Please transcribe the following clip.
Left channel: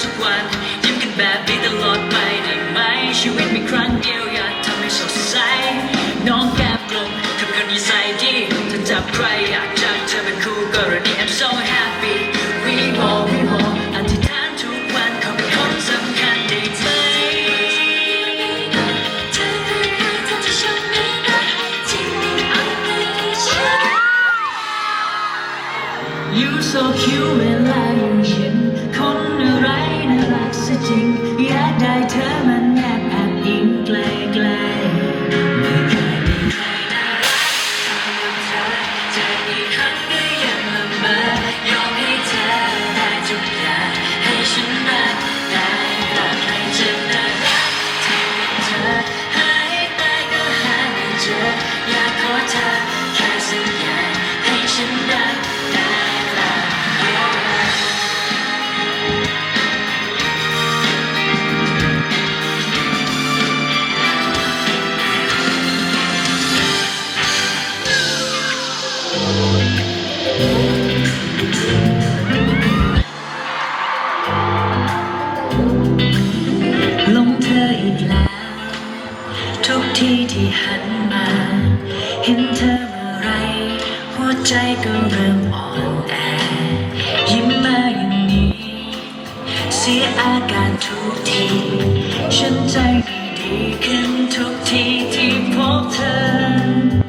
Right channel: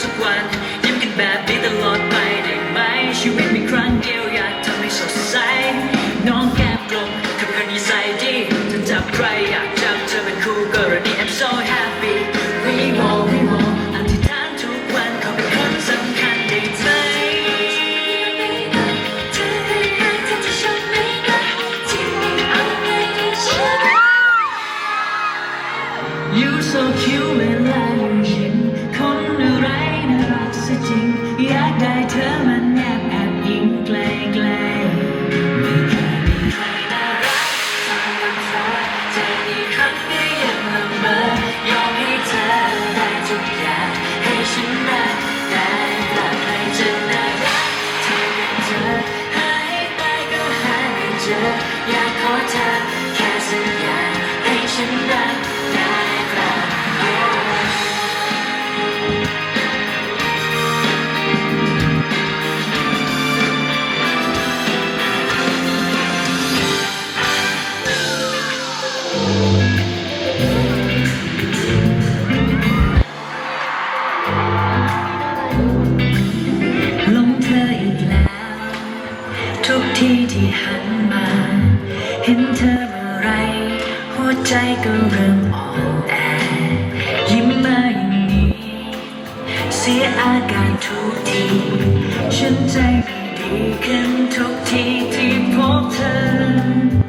such a plan เธอมันแนบแอบอิงไกลไกลไม่เคยมีใครน่ารักเท่ากับเธอใจอีกครั้งก็ยังละเมอ ลงเธออีกแล้ว ทุกทีที่หันมา เห็นเธอเมื่อไร หัวใจก็เริ่มอ่อนแอยิ้มมาอย่างนี้ เสียอาการทุกที ฉันใจไม่ดีขึ้นทุกทีที่พบเธอ